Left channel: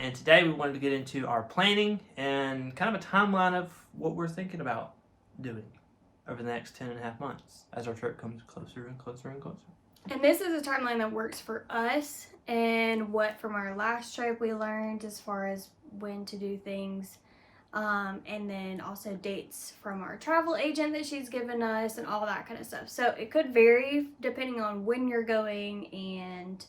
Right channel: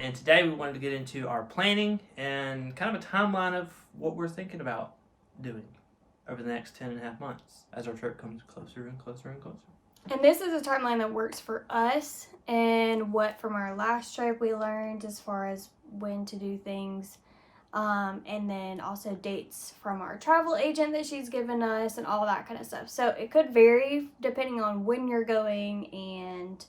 And today we wanted to get into our planning and kind of a timeline of what we're thinking about doing over the next 10.5 months as our trip comes closer and closer and closer. And this is a timeline that works for us and what from our last trip we learned as far as when to do things, and then also dates from our travel agent that she's given us and all that kind of stuff. So it could vary depending on when you're going, and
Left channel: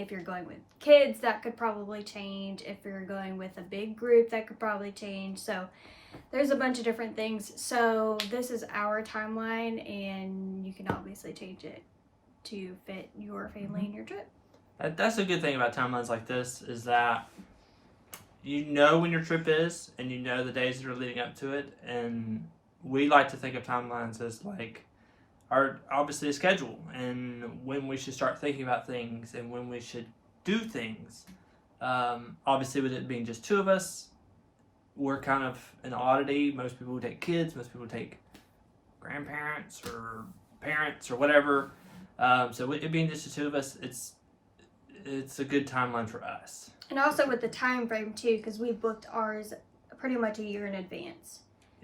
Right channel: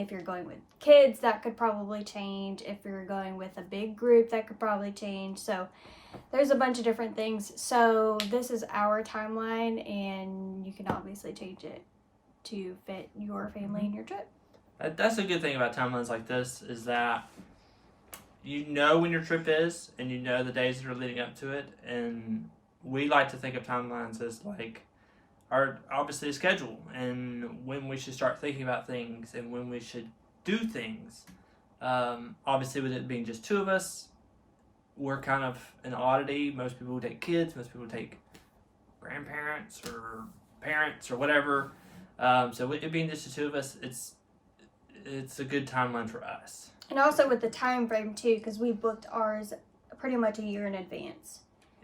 if you're going with kids, that could probably change. If you're going with a big group, that could probably change. So there's a bunch of different things. So this is our timeline, and you can obviously change it to fit your family and your trip. That's a good thing about timelines like this, is that you know when your trip is, and you know the days that are leading up to it. And we like to think of timelines as like obviously a schedule, and when we should start thinking about things and when we should do things. Obviously, with it being just two of us, we're kind of an oddity. Most people take kids, most people take grandparents or parents or whatever. So it being just the two of us, it's a good timeline for us. And also with the time frame too, because we booked ours pretty much a year in advance.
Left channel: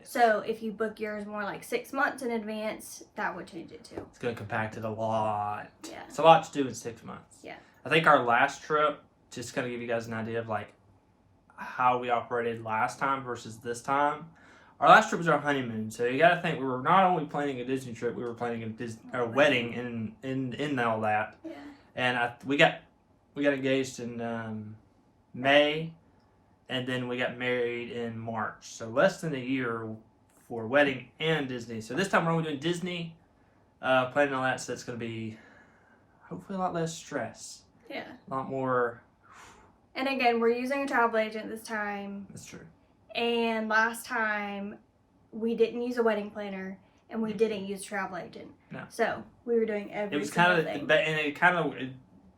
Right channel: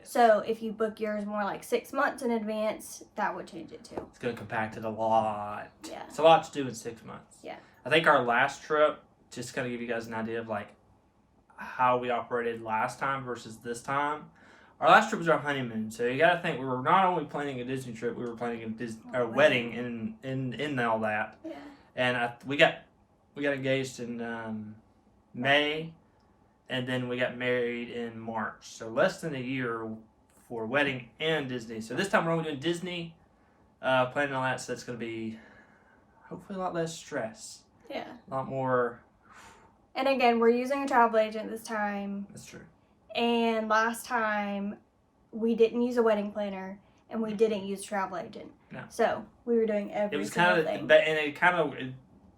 So if you book yours more like 6 months in advance, that would change it too. It's going to compact it a lot. Yeah. It's a lot to do in 6 months. Yeah. I think our last trip, just to kind of give you guys an idea of like how we operated last time versus this time. Our last trip was our honeymoon. So you got to think, we were not only planning a Disney trip, we were planning a wedding in all that. Yeah. And we got engaged in May. And then we got married in March. So less than a year for wedding and Disney. So this time we're only doing Disney, planning all that. So it's going to be hopefully a lot less stress. Yeah. A lot more. And again, we're using a travel agent this time. That's true. And last time we didn't use a wedding planner, and we didn't use a travel agent. No. So we were doing every single thing.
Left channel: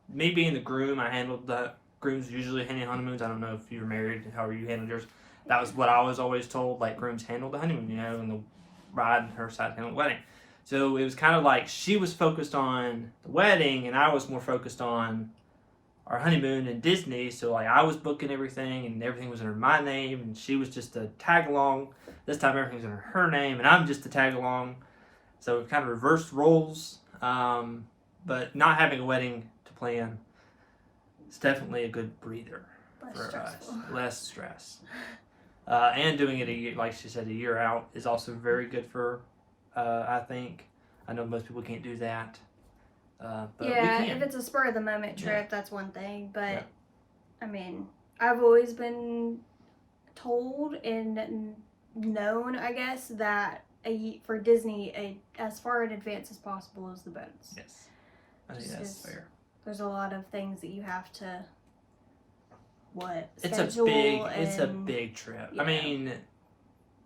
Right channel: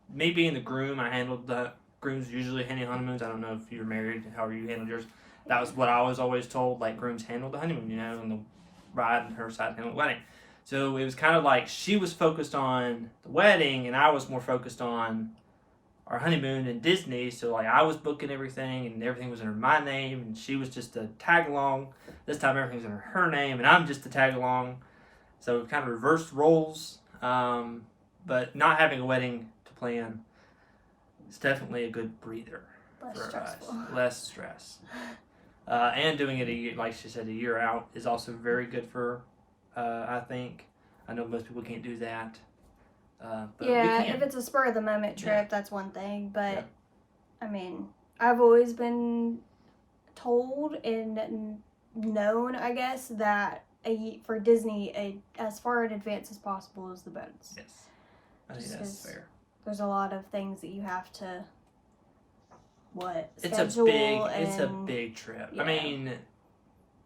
Me being the groom, I handled the grooms usually handle honeymoons. I don't know if you were married and however you handled yours. That was what I was always told. Like, grooms handle the honeymoon, and the bride and her side handled the wedding. So it was kind of like she was focused on the wedding, and I was more focused on our honeymoon and Disney. So like I was booking everything, and everything was under my name, and she was just a tag along. This time everything's under her name, and I'm just a tag along. So we kind of reversed roles. But not having a wedding to plan, it's definitely a good breather for us. Less stress. And doing it a year, like she said, a year out is also very good for, I think. I know most people can't do that. But yeah, if it's a spur of the moment trip, that's one thing. But, I've always been told and known, I guess, that for Disney, as far in advance as possible is the best. Yes. I think that's fair. There's a lot of things that you have to It's schedule. It's a big trip. Yeah.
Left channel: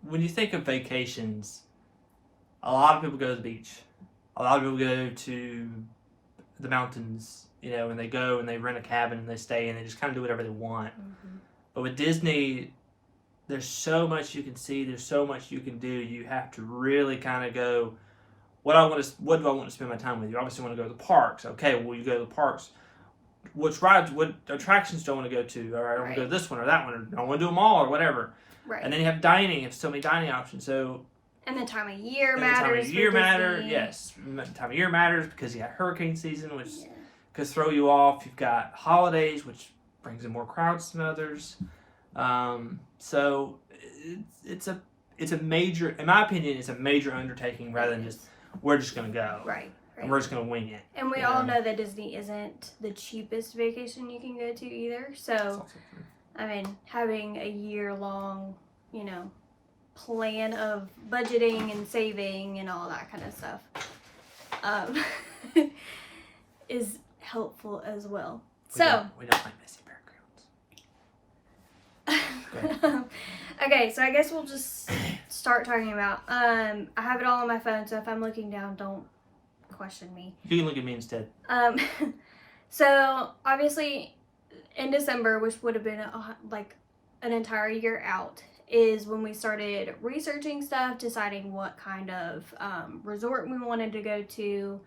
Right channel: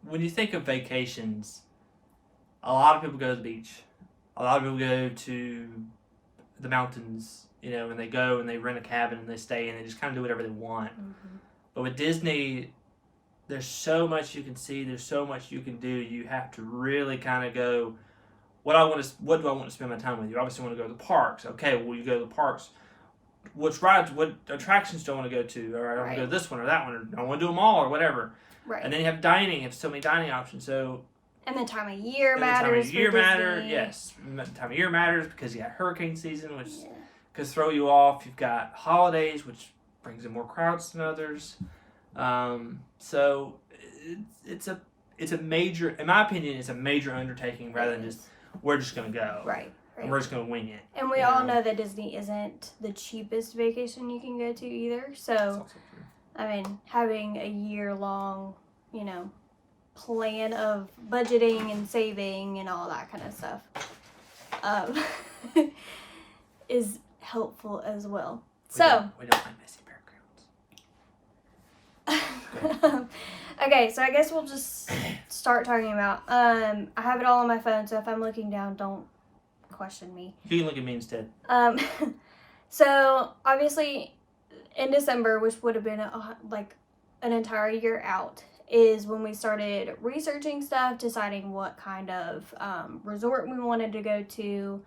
When you think of vacations, a lot of people go to the beach. A lot of people go to the mountains, and they go and they rent a cabin and they stay and they just kind of do whatever they want. Mm-hmm. But with Disney, there's so much you can see. There's so much you can do. You have to really kind of go, what do I want to spend my time with? You obviously want to go to the parks. Okay, well, you go to the parks. What attractions do I want to go to? Or I want to go to this one or that one, or I want to do them all or whatever. Right. And then you have dining. You have so many dining options. So. And the time of year matters. Yes. The time of year matters because you got hurricane season, which could throw you off. You've got holidays, which brings in more crowds than others. So it's a major, in my opinion, it's a major undertaking rather than just, we're just going to go. Right. And we're just going to wing it. And we all know that Disney isn't the cheapest vacation you can go to either. So, having a year-long, plan of budgeting and saving and all that kind of stuff is helpful as well. We don't like messy backgrounds. Okay, so I guess we'll just start talking about, I have it all on my phone, so if I'm looking down, don't question me. You can look at me instead. So obviously in December, which would have been an entire year out, is when we started researching stuff, deciding what kind of resort we wanted to go to,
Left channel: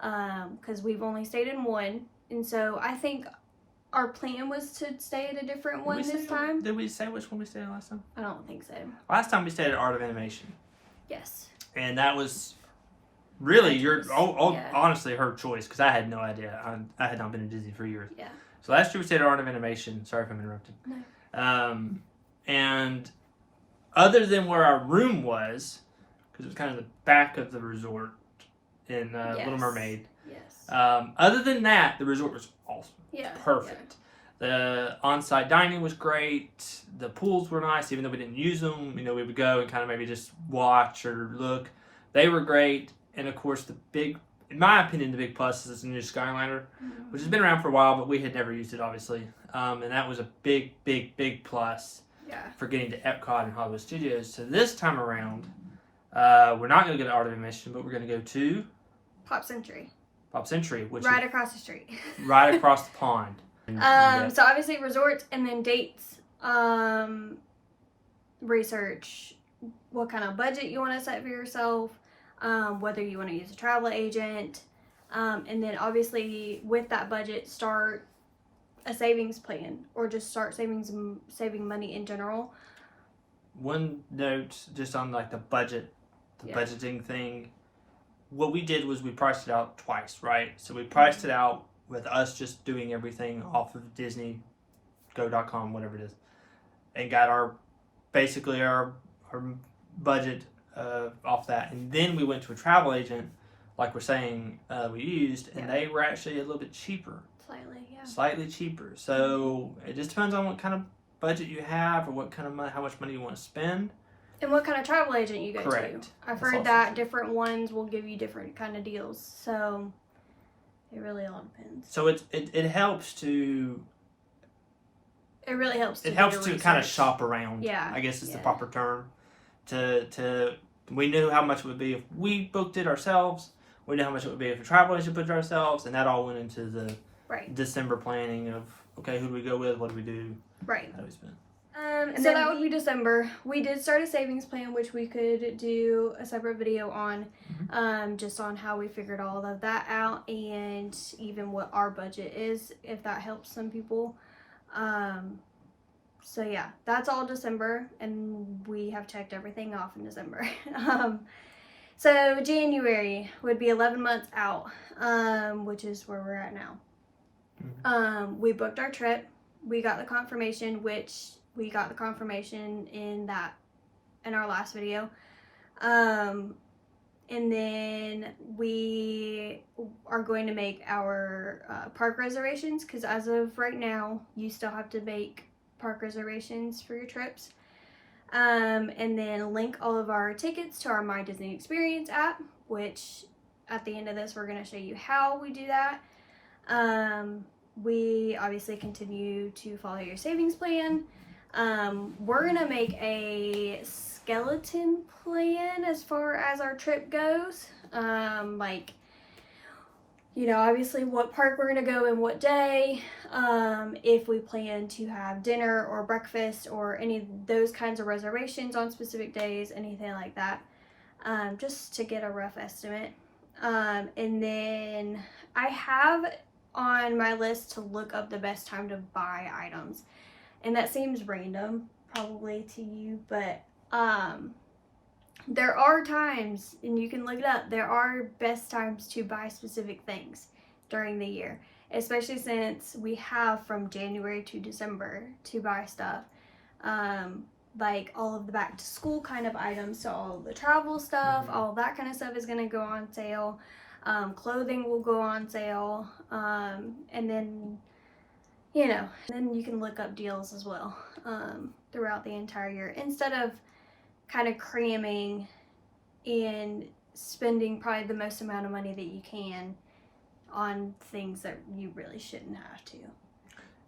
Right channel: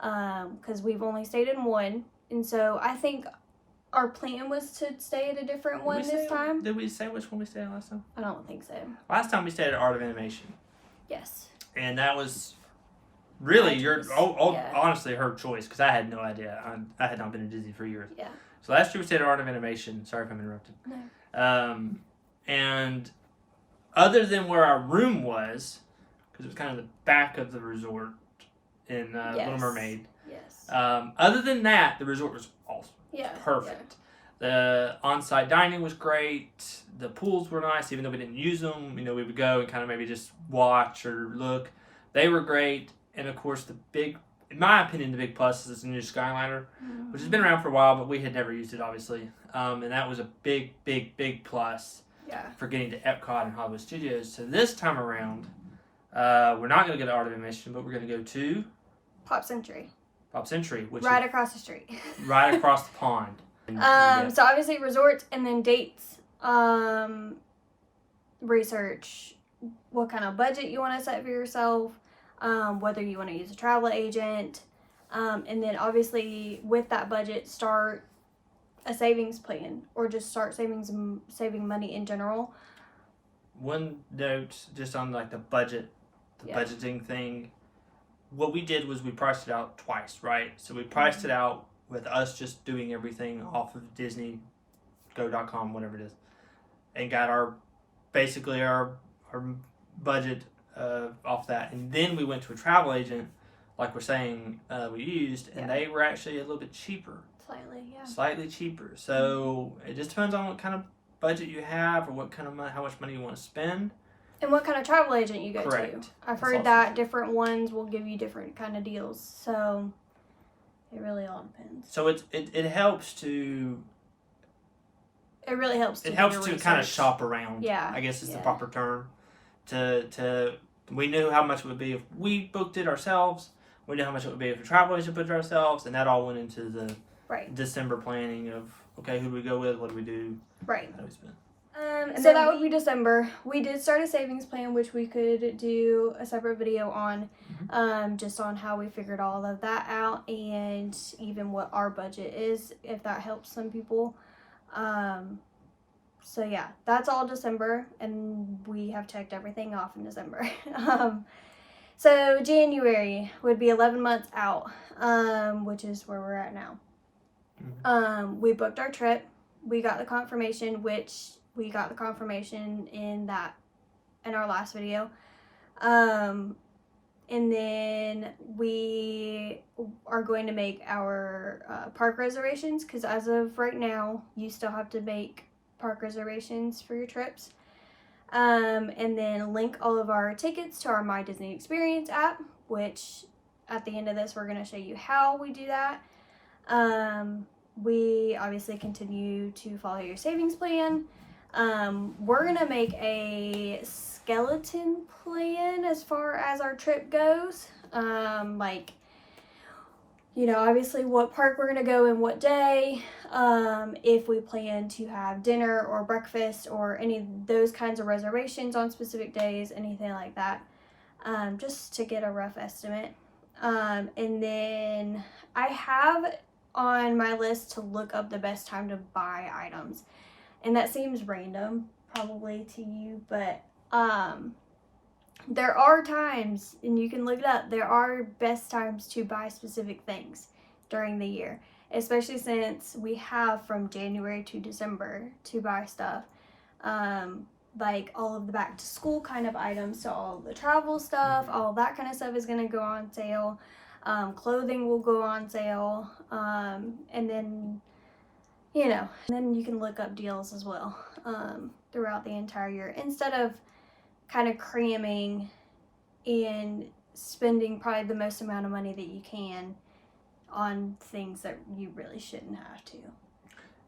because we've only stayed in one. And so I think our plan was to stay at a different one this time. Did we say which one we stayed at last time? I don't think so. Last time we stayed at Art of Animation. Yes. And that was really yeah. honestly her choice, because I had no idea. I had not been to Disney for years. Yeah. So last year we stayed at Art of Animation. Sorry if I'm interrupting. No. And other than where our room was, because it was kind of the back of the resort in Little Mermaid. Yes. Other than that, the resort was awesome. Yeah. Perfect. The on-site dining was great. The pools were nice, even though we didn't use them. You know, we would go and kind of maybe just watch or look. They were great. And of course, in my opinion, the big plus is this new Skyliner, which has been around for a while, but we had never used it, obviously. And that was a big, big, big plus for getting to Epcot and Hollywood Studios. So this time around, we're not going to go to Art of Animation, but we're going to go to Pop Century. Pop Century, which right is across the street. right across the pond. So obviously resorts, and then dates, research what kind of budget you want to set for yourself, whether you want to use a travel agent, and then obviously with that budget start a savings plan, or just start saving money in general. One note just on like the budgeting thing. What we did was we priced it out twice, right? So we priced it out with us just doing everything off of Disney, go.com, whatever it is, and got our budget off that. And then we went to a travel agent, like we're saying we used, and they were actually a little bit cheaper. Slightly cheaper. So it just depends on what kind of budget you have, or what kind of how much money you want to spend. And what kind of travel agent you go Correct. to. I've heard that different ones will give you different kind of deals. So it really all depends. So it helps to... It really helps to kind of shop around. Yeah. I guess is the proper term. We knew how much it would be if we booked it ourselves. We knew how much it would be if a travel agent booked it ourselves. And that all went into the December planning of, okay, who do we go with? What do we do? Right. How do we spend? So that would be December. We did start a savings plan, which we could do a separate video on, just on how we figured all of that out, and even what our budget is, if that helps some people. So yeah, that's all December, and we have checked everything off in December. So January would be 11 months out, which is where we're at now. We booked our trip. We got the confirmation, in our last video. And then we are going to make our park reservations, because as of right now, you still have to make park reservations for your trips. And then link all of our tickets to our My Disney Experience app, which at the end of this, we're going to show you how we do that. We obviously continue to follow your savings plan. We're going to make a skeleton plan as far as our trip goes. Obviously what park we're going to go and what day. If we plan to have dinner or breakfast or any of those kinds of reservations on specific days, anything like that. Just to get a rough estimate. And then I have on my list to look up the best time to buy items. And that seems random, probably to you, but there are times, and you can look it up, there are best times to buy specific things during the year, especially since we have from January to December to buy stuff. Like all of the back to school kind of items, so all the travel stuff, all that kind of stuff is going to go on sale. Clothing will go on sale, and then then you can look up deals as well throughout the entire year, instead of kind of cramming and spending probably the most amount of money that you can on things that you really shouldn't have to.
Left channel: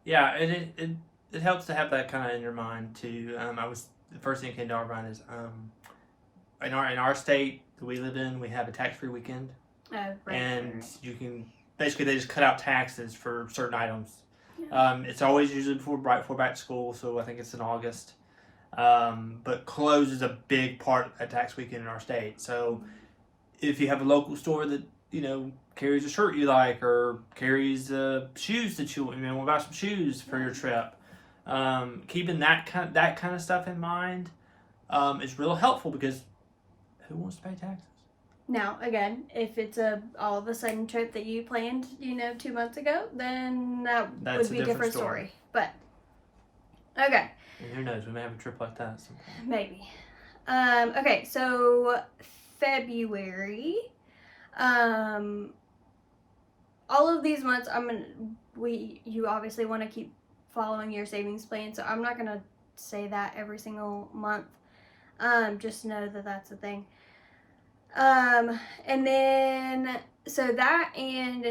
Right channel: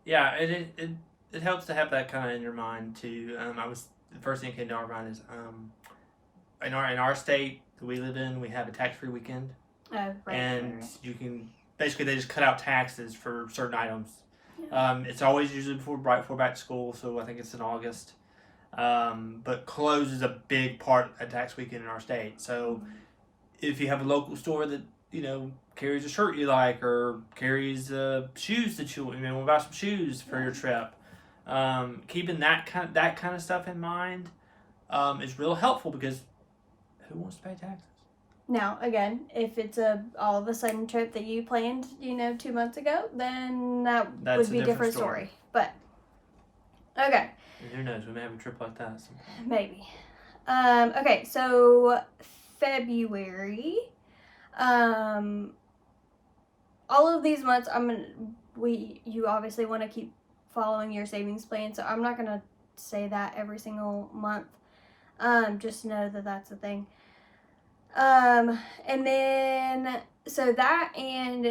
Yeah, it helps to have that kind of in your mind too. The first thing that came to our mind is in our state that we live in, we have a tax-free weekend. Oh, right. And you can basically, they just cut out taxes for certain items. It's always usually right before back to school, so I think it's in August. But clothes is a big part of tax weekend in our state. So if you have a local store that carries a shirt you like, or carries shoes that you want to buy some shoes for your trip, keeping that kind of stuff in mind is real helpful, because who wants to pay taxes? Now, again, if it's a all of a sudden trip that you planned, 2 months ago, then that would be a different story. But okay. And who knows? We may have a trip like that sometime. Maybe. Okay, so February. All of these months, you obviously want to keep following your savings plan, so I'm not gonna say that every single month. Just know that that's the thing. And then so that, and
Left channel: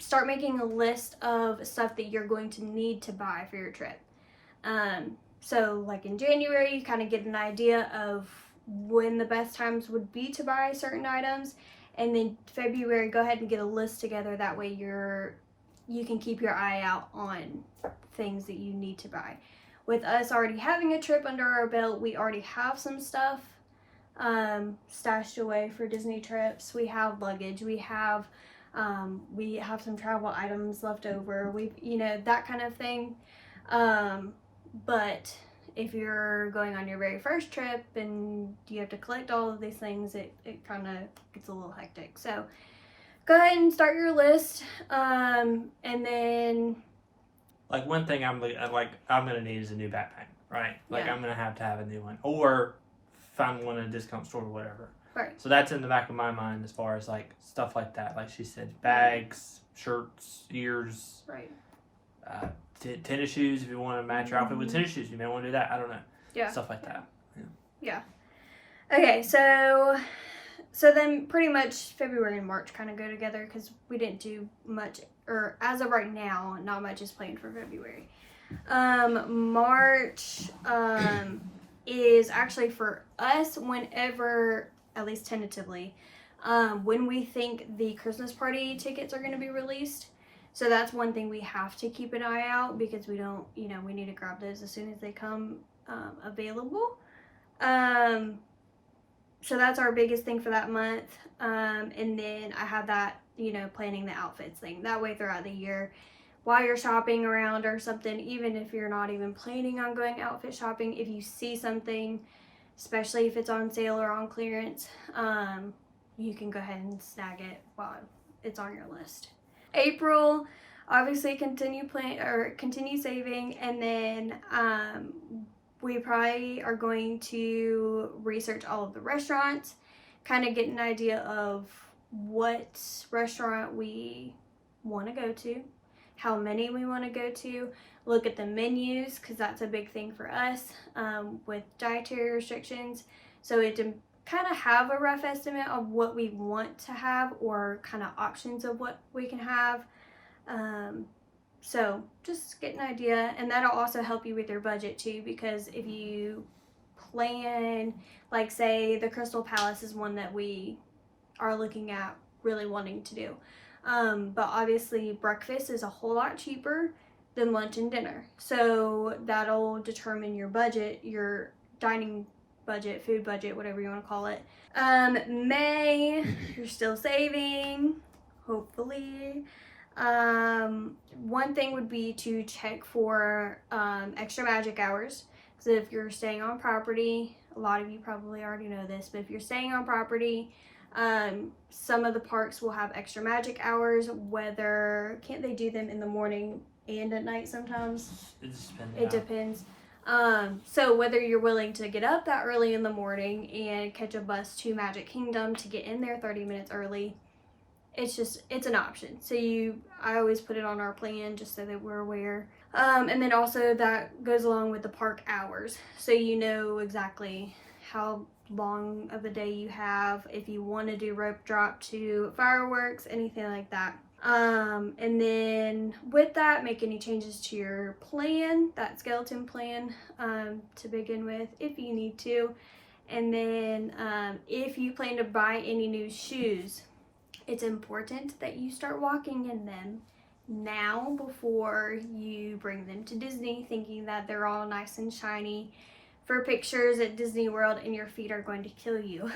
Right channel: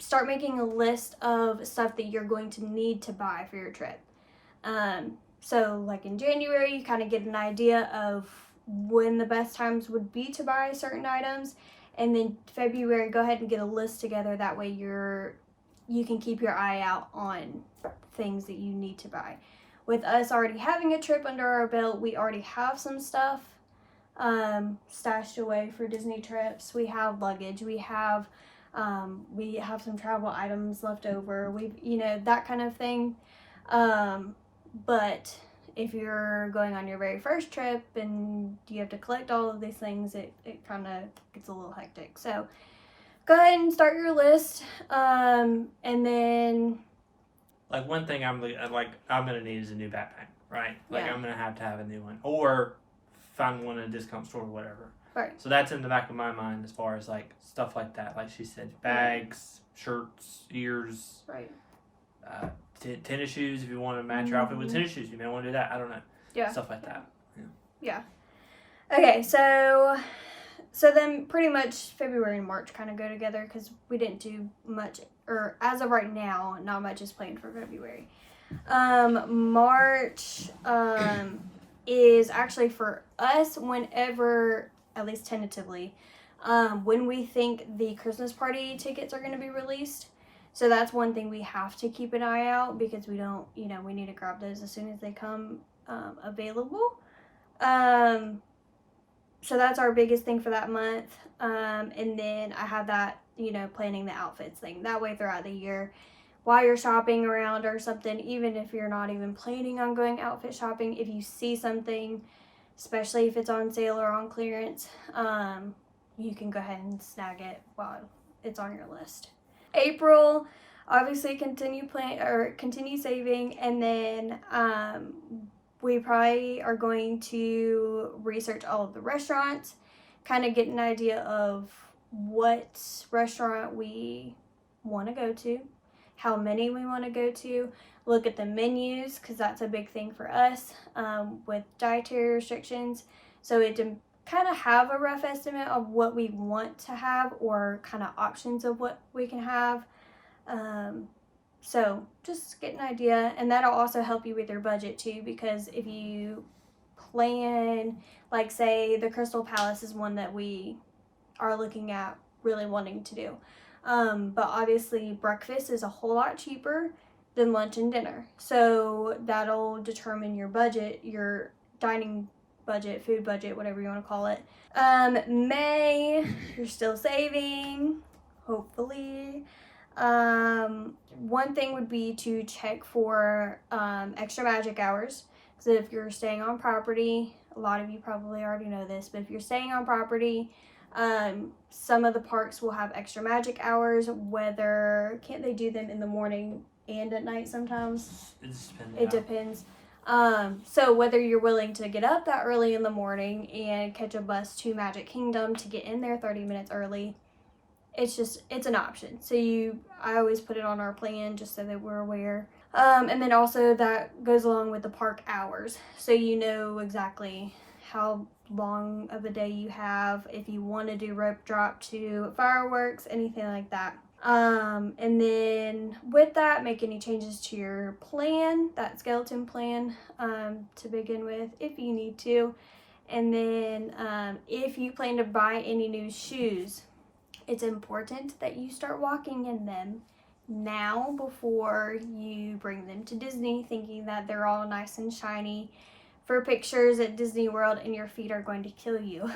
start making a list of stuff that you're going to need to buy for your trip. So like in January, you kind of get an idea of when the best times would be to buy certain items, and then February, go ahead and get a list together. That way you can keep your eye out on things that you need to buy. With us already having a trip under our belt, we already have some stuff stashed away for Disney trips. We have luggage, we have some travel items left over, that kind of thing. But if you're going on your very first trip and you have to collect all of these things, it kind of gets a little hectic. So go ahead and start your list, and then like one thing I'm gonna need is a new backpack, right? Like I'm gonna have to have a new one, or find one at a discount store or whatever. Right. So that's in the back of my mind as far as like stuff like that. Like she said, bags, shirts, ears, right. Tennis shoes. If you want to match your outfit with tennis shoes, you may want to do that. I don't know. Yeah. Stuff like that. Yeah. Okay, so then pretty much February and March kind of go together, because we didn't do much, or as of right now, not much is planned for February. March is actually for us whenever, at least tentatively, when we think the Christmas party tickets are going to be released. So that's one thing we have to keep an eye out, because we don't, we need to grab those as soon as they come available. So that's our biggest thing for that month. And then I have that, planning the outfits thing. That way throughout the year, while you're shopping around or something, even if you're not even planning on going outfit shopping, if you see something, especially if it's on sale or on clearance, you can go ahead and snag it while it's on your list. April, obviously continue saving, and then we probably are going to research all of the restaurants, kind of get an idea of what restaurant we want to go to, how many we want to go to, look at the menus, because that's a big thing for us with dietary restrictions. So it to kind of have a rough estimate of what we want to have, or kind of options of what we can have. So just get an idea, and that'll also help you with your budget too, because if you plan, like say the Crystal Palace is one that we are looking at really wanting to do. But obviously breakfast is a whole lot cheaper than lunch and dinner. So that'll determine your budget, your dining budget, food budget, whatever you want to call it. May, you're still saving, hopefully. One thing would be to check for extra magic hours. So if you're staying on property, a lot of you probably already know this, but if you're staying on property, some of the parks will have extra magic hours. Can't they do them in the morning and at night sometimes? It depends. So whether you're willing to get up that early in the morning and catch a bus to Magic Kingdom to get in there 30 minutes early, it's an option. So I always put it on our plan just so that we're aware. And then also that goes along with the park hours. So you know exactly how long of a day you have, if you want to do rope drop to fireworks, anything like that. And then with that, make any changes to your plan, that skeleton plan, to begin with, if you need to. And then if you plan to buy any new shoes, it's important that you start walking in them now before you bring them to Disney, thinking that they're all nice and shiny for pictures at Disney World and your feet are going to kill you.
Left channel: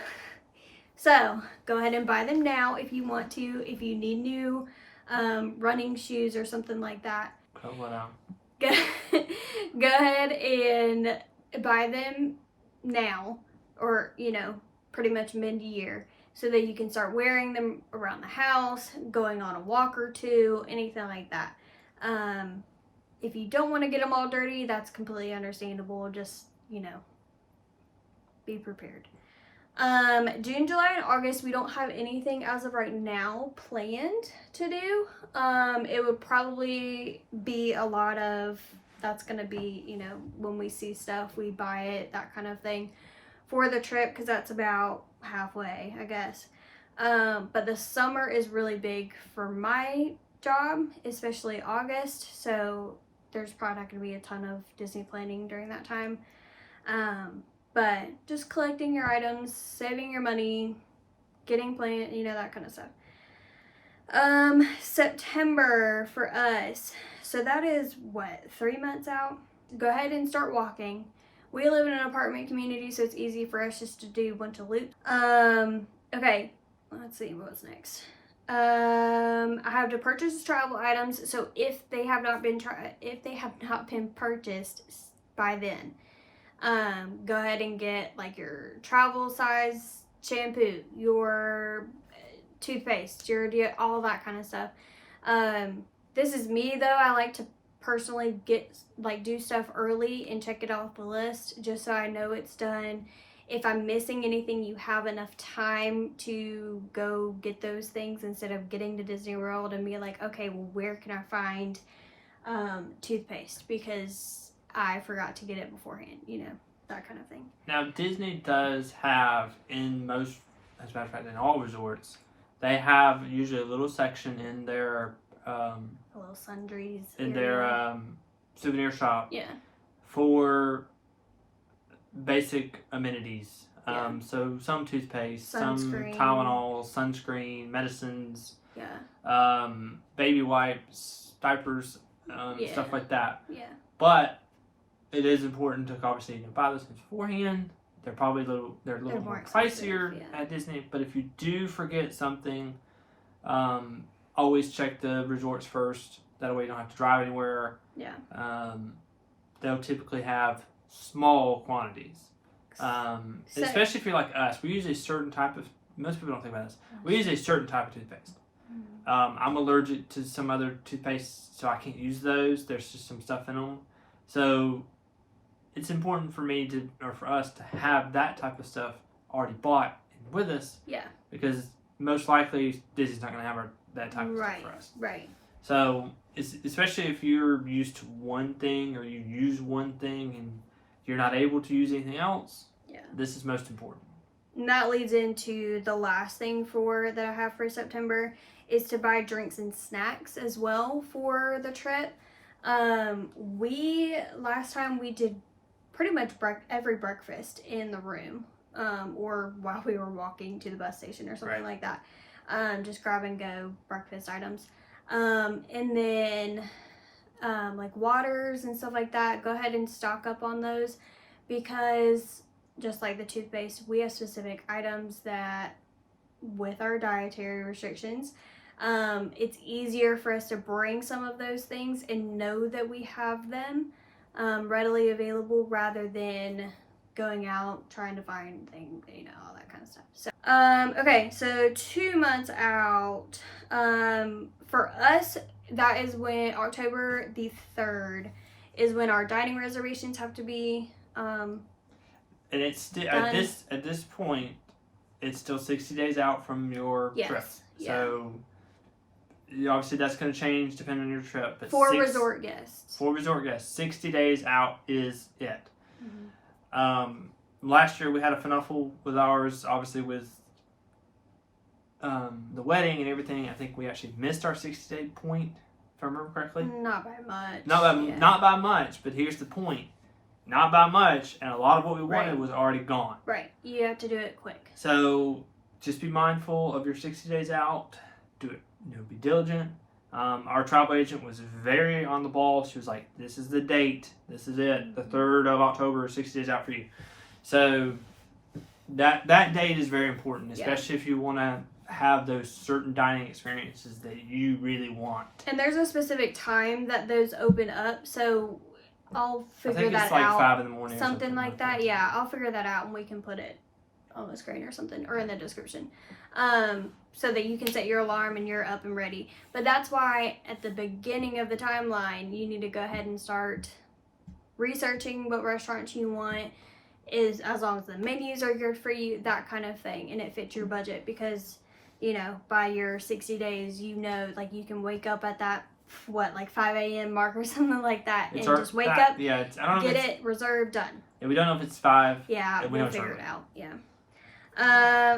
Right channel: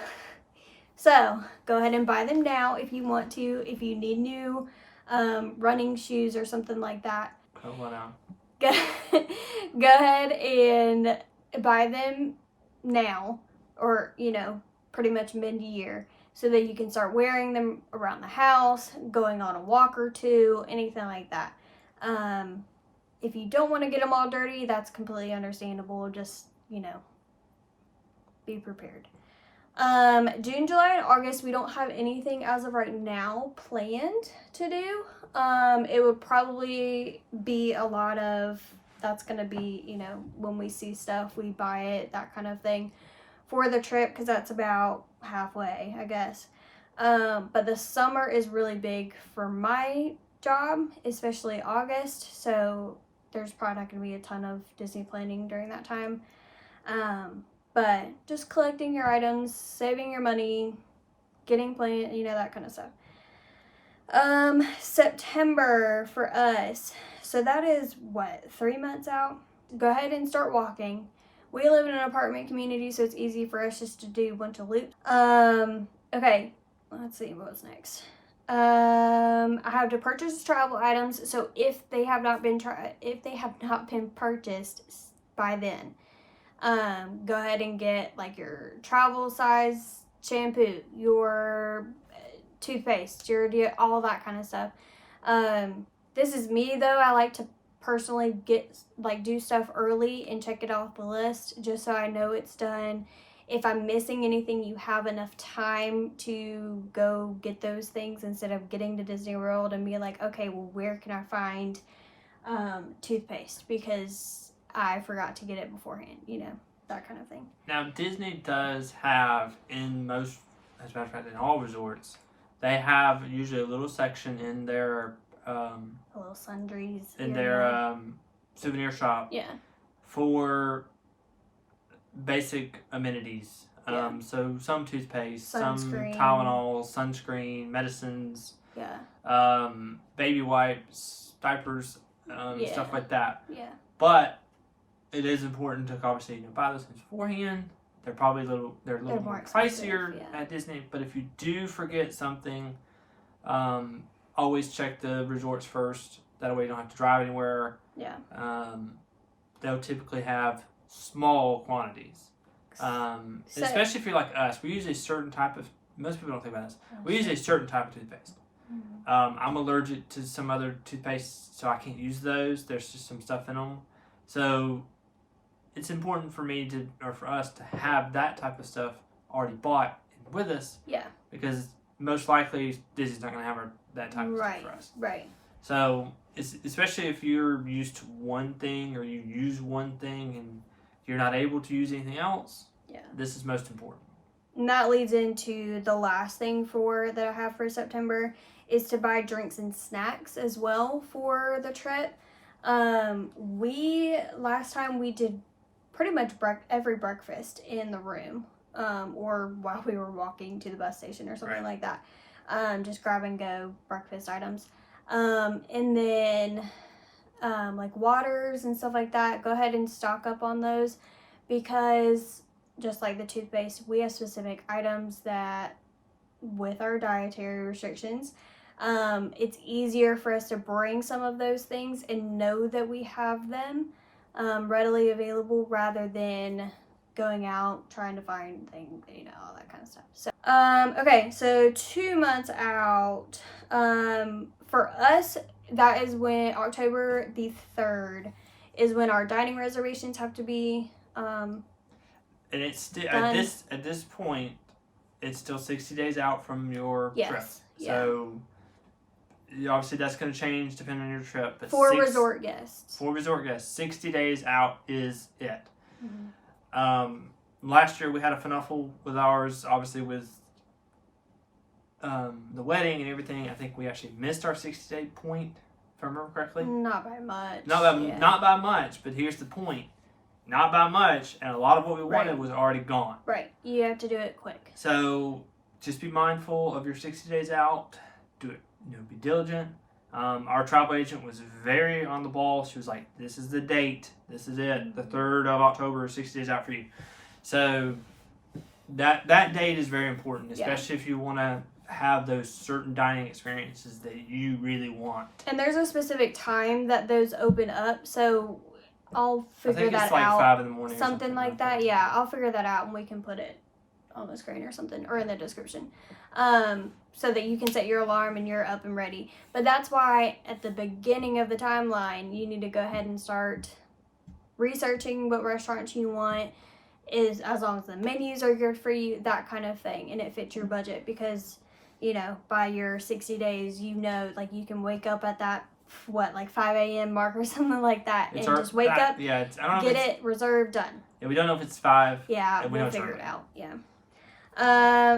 So go ahead and buy them now if you want to. If you need new running shoes or something like that, Cut one out. go ahead and buy them now, or pretty much mid-year, so that you can start wearing them around the house, going on a walk or two, anything like that. If you don't want to get them all dirty, that's completely understandable. Just be prepared. June, July, and August, we don't have anything as of right now planned to do. It would probably be a lot of, that's going to be, when we see stuff, we buy it, that kind of thing for the trip, because that's about halfway, I guess. But the summer is really big for my job, especially August, so there's probably not going to be a ton of Disney planning during that time. But just collecting your items, saving your money, getting planned, that kind of stuff. September for us. So that is what, 3 months out? Go ahead and start walking. We live in an apartment community, so it's easy for us just to do a bunch of loops. Okay, let's see what's next. I have to purchase travel items. So if they have not been purchased by then, go ahead and get like your travel size shampoo, your toothpaste, all that kind of stuff. This is me though. I like to personally do stuff early and check it off the list just so I know it's done. If I'm missing anything, you have enough time to go get those things instead of getting to Disney World and be like, okay, well, where can I find toothpaste because I forgot to get it beforehand, that kind of thing. Now, Disney does have, in most, as a matter of fact, in all resorts, they have usually a little section in their a little sundries in their souvenir shop, yeah, for basic amenities. So some toothpaste, some Tylenol, sunscreen, medicines, baby wipes, diapers, stuff like that. Yeah. But it is important to obviously buy those things beforehand. They're probably a little more pricier at Disney. But if you do forget something, always check the resorts first. That way you don't have to drive anywhere. Yeah. They'll typically have small quantities. Especially if you're like us, we use a certain type of, most people don't think about this, we use a certain type of toothpaste. Mm-hmm. I'm allergic to some other toothpaste, so I can't use those. There's just some stuff in them. So it's important for for us to have that type of stuff already bought with us. Yeah. Because most likely Disney's not going to have that type of stuff for us. Right. So especially if you're used to one thing or you use one thing and you're not able to use anything else, this is most important. And that leads into the last thing that I have for September is to buy drinks and snacks as well for the trip. Last time we did pretty much every breakfast in the room, or while we were walking to the bus station or something like that. Just grab and go breakfast items. And then like waters and stuff like that, go ahead and stock up on those, because just like the toothpaste, we have specific items that with our dietary restrictions, it's easier for us to bring some of those things and know that we have them readily available rather than going out trying to find things, all that kind of stuff. So okay, so 2 months out, for us, that is when October the 3rd is when our dining reservations have to be and it's still at this point, it's still 60 days out from your trip. So obviously that's going to change depending on your trip. But for resort guests, 60 days out is it. Mm-hmm. Last year we had a funnel with ours, obviously with the wedding and everything. I think we actually missed our 60-day point, if I remember correctly. Not by much. Not by much, but here's the point. Not by much, and a lot of what we wanted was already gone. Right. You have to do it quick. So just be mindful of your 60 days out. Do it, be diligent. Our travel agent was very on the ball. She was like, "This is the date. This is it. The 3rd of October, 60 days out for you." So that date is very important, especially if you want to have those certain dining experiences that you really want. And there's a specific time that those open up, so I'll figure that out. I think it's like 5 in the morning. Something like that. Yeah, I'll figure that out and we can put it on the screen or something, or in the description, so that you can set your alarm and you're up and ready. But that's why at the beginning of the timeline, you need to go ahead and start researching what restaurants you want, is as long as the menus are good for you, that kind of thing, and it fits your budget. Because, you know, by your 60 days, you know, like, you can wake up at that, like 5 a.m. mark or something like that, and just wake up, I don't know, get it reserved, done. Yeah, we don't know if it's 5. Yeah, we we'll figure it out. Yeah.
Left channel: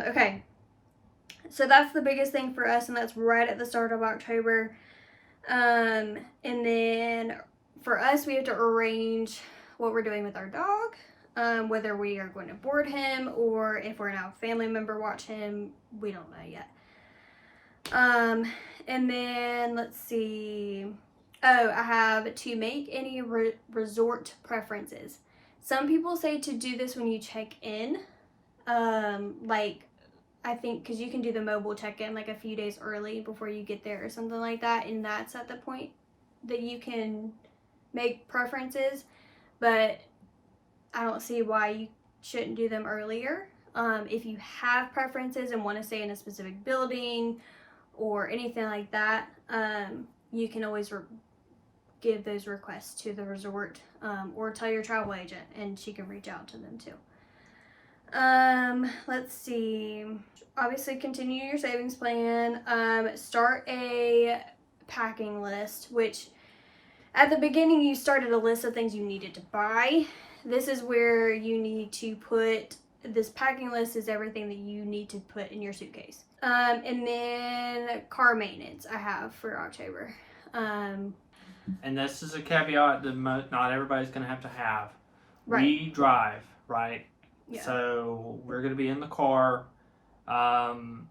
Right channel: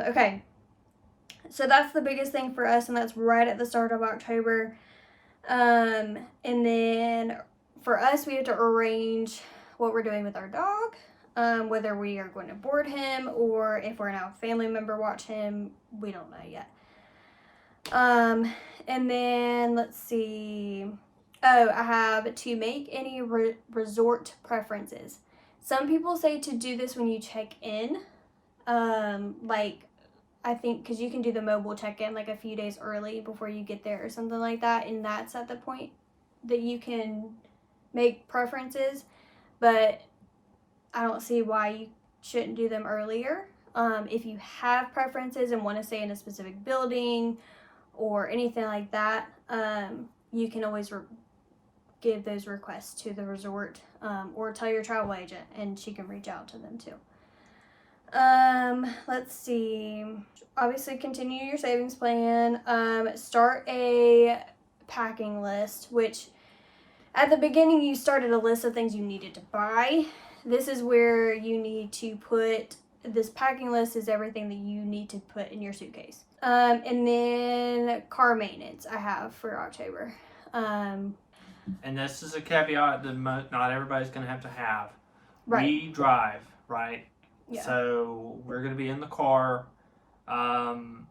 Okay. So that's the biggest thing for us, and that's right at the start of October. And then for us, we have to arrange what we're doing with our dog, whether we are going to board him or if we're going to have a family member watch him. We don't know yet. And then let's see. Oh, I have to make any resort preferences. Some people say to do this when you check in. Like, I think because you can do the mobile check-in like a few days early before you get there or something like that, and that's at the point that you can make preferences. But I don't see why you shouldn't do them earlier. If you have preferences and want to stay in a specific building or anything like that, you can always give those requests to the resort, or tell your travel agent and she can reach out to them too. Let's see. Obviously, continue your savings plan. Start a packing list, which at the beginning you started a list of things you needed to buy. This is where you need to put, this packing list is everything that you need to put in your suitcase. And then car maintenance I have for October. And this is a caveat that not everybody's going to have. Right. We drive, right? Yeah. So we're going to be in the car from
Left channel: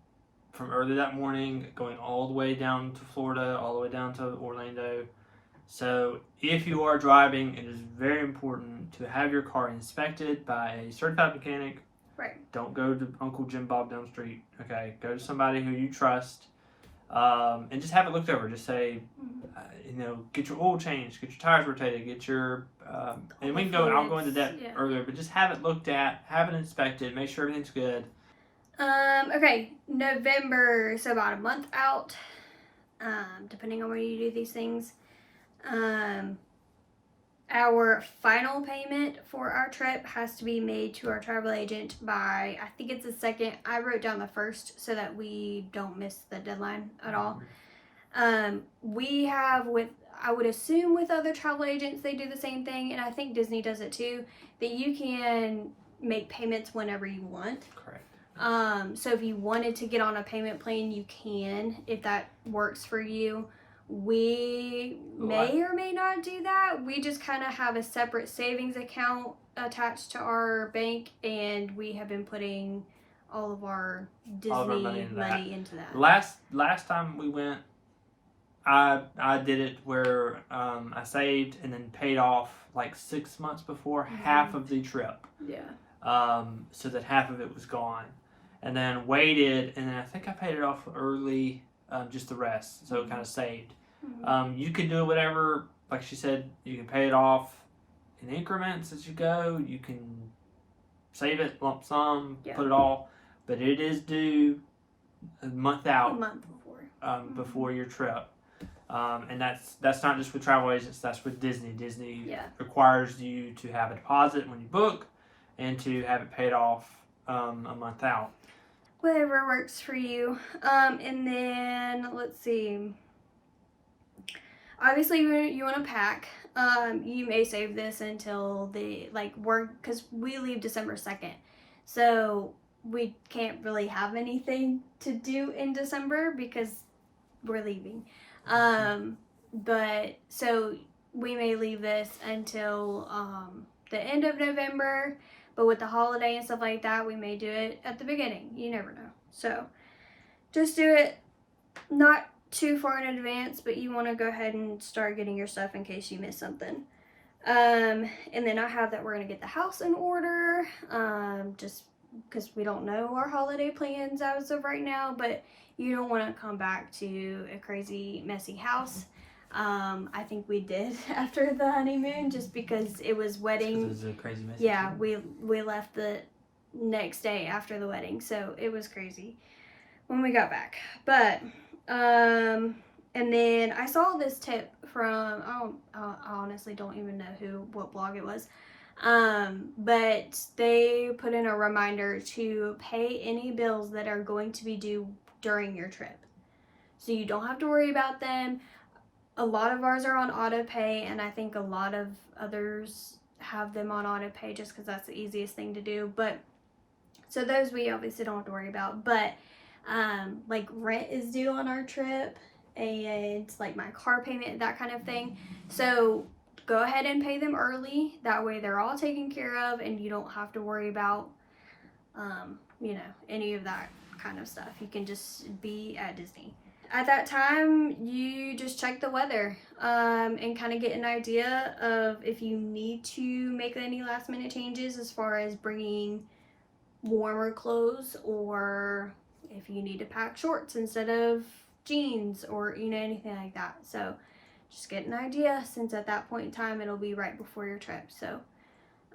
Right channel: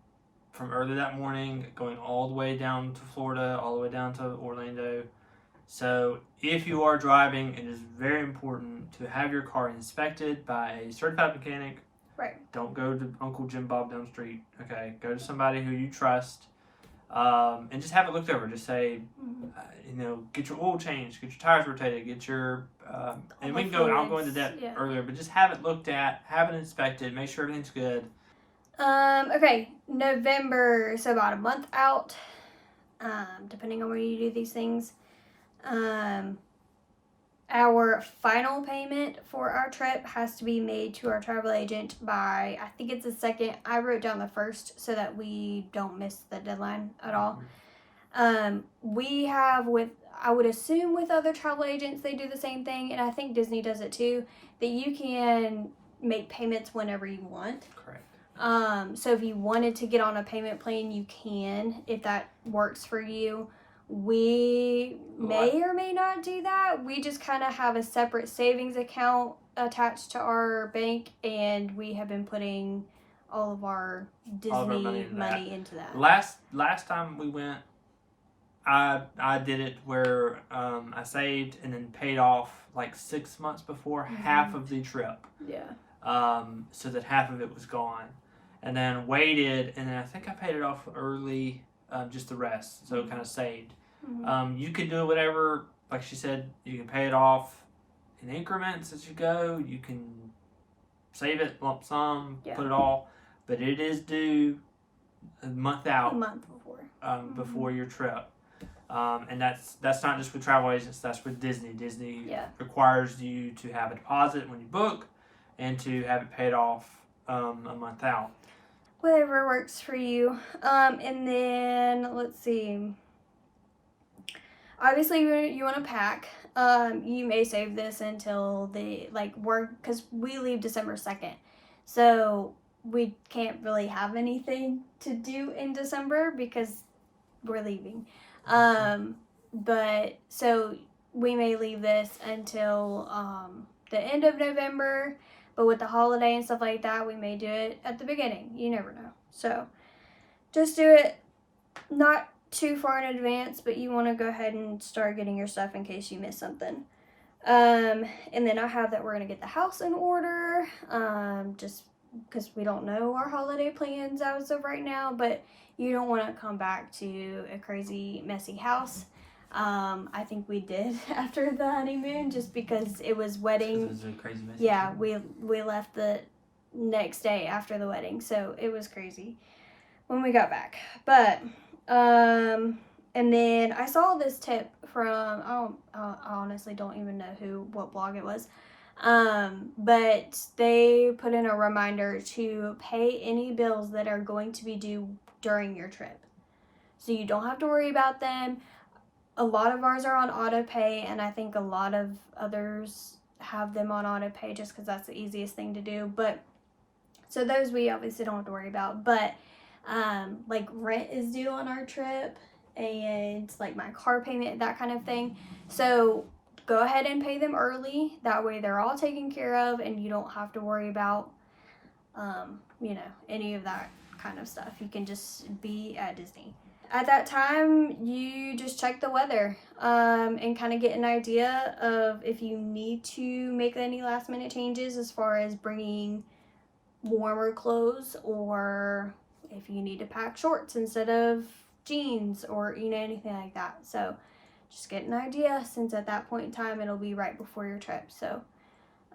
early that morning, going all the way down to Florida, all the way down to Orlando. So if you are driving, it is very important to have your car inspected by a certified mechanic. Right. Don't go to Uncle Jim Bob down the street. Okay, go to somebody who you trust, and just have it looked over. Just say, get your oil changed, get your tires rotated, get your, and we can go. I'll go into that earlier, but just have it looked at, have it inspected, make sure everything's good. Okay, November, so about a month out, depending on where you do these things. Our final payment for our trip has to be made to our travel agent by, I think it's the 2nd. I wrote down the 1st so that we don't miss the deadline at all. We have I would assume with other travel agents, they do the same thing, and I think Disney does it too, that you can make payments whenever you want. Correct. So if you wanted to get on a payment plan, you can, if that works for you. We may or may not do that. We just kind of have a separate savings account attached to our bank, and we have been putting all of our Disney money into that. Last time we went, I did it where I saved and then paid off like 6 months before half of the trip. Yeah. So that half of it was gone, and then waited, and then I think I paid it off early. Just the rest, so it kind of saved. You can do whatever, like she said, you can pay it off in increments as you go. You can save it, lump sum, put it all, but it is due a month out. A month before. Before your trip. And that's not just with travel agents, that's with Disney. Disney requires you to have a deposit when you book and to have it paid off a month out. Whatever works for you. And then, let's see. Obviously, you want to pack. You may save this until because we leave December 2nd. So we can't really have anything to do in December because we're leaving. But so we may leave this until the end of November. But with the holiday and stuff like that, we may do it at the beginning. You never know. So just do it not too far in advance, but you want to go ahead and start getting your stuff in case you miss something. And then I have that we're going to get the house in order, just because we don't know our holiday plans as of right now, but you don't want to come back to a crazy, messy house. I think we did after the honeymoon, just because it was wedding. It was a crazy mess. Yeah, we left the next day after the wedding, so it was crazy when we got back. But and then I saw this tip from I honestly don't even know what blog it was, but they put in a reminder to pay any bills that are going to be due during your trip, so you don't have to worry about them. A lot of ours are on auto pay, and I think a lot of others have them on auto pay just because that's the easiest thing to do. But so those we obviously don't have to worry about. But like rent is due on our trip, and like my car payment, that kind of thing. So go ahead and pay them early. That way they're all taken care of, and you don't have to worry about you know, any of that kind of stuff. You can just be at Disney. At that time, you just check the weather and kind of get an idea of if you need to make any last minute changes as far as bringing warmer clothes, or if you need to pack shorts instead of jeans, or you know, anything like that. So just get an idea, since at that point in time it'll be right before your trip. So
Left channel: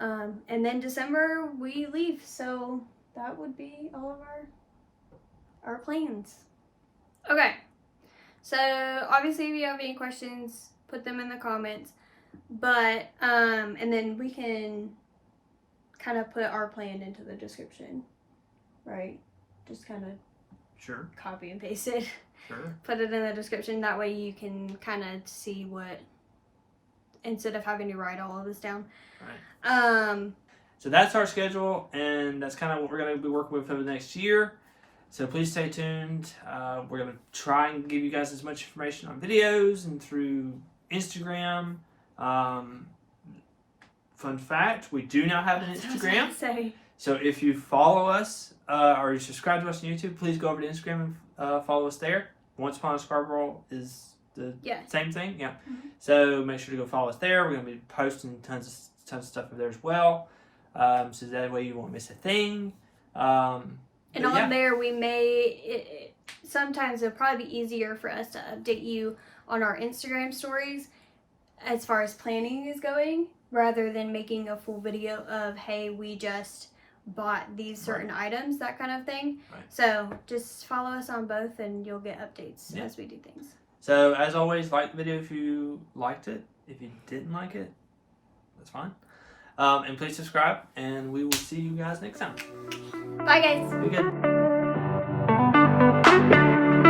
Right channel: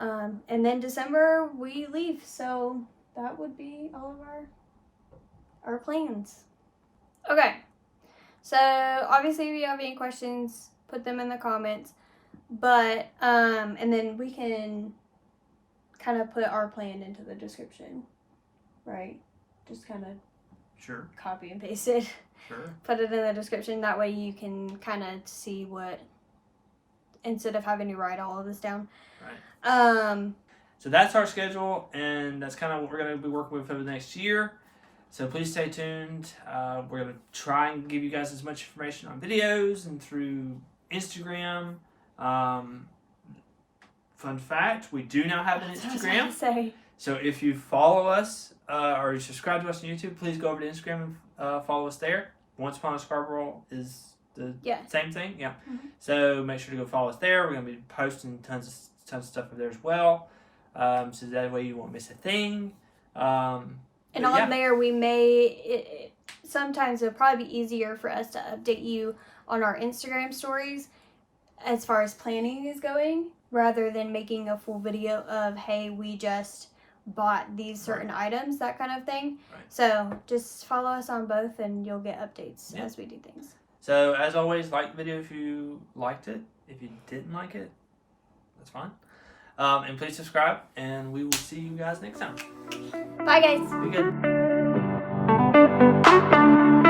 and then December we leave, so that would be all of our plans. Okay, so obviously if you have any questions, put them in the comments, but and then we can kind of put our plan into the description, right? Just kind of Sure. copy and paste it. Sure. Put it in the description, that way you can kind of see what, instead of having to write all of this down. Right. So that's our schedule, and that's kind of what we're going to be working with over the next year. So please stay tuned. We're going to try and give you guys as much information on videos and through Instagram. Fun fact, we do now have an Instagram. So if you follow us or you subscribe to us on YouTube, please go over to Instagram and follow us there. Once Upon a Scarborough is the same thing. Yeah. Mm-hmm. So make sure to go follow us there. We're going to be posting tons of stuff over there as well. So that way you won't miss a thing. And on there, we may, sometimes it'll probably be easier for us to update you on our Instagram stories as far as planning is going, rather than making a full video of, hey, we just bought these certain items, that kind of thing. Right. So just follow us on both and you'll get updates as we do things. So as always, like the video if you liked it. If you didn't like it, that's fine. And please subscribe, and we will see you guys next time. Bye, guys. Be good.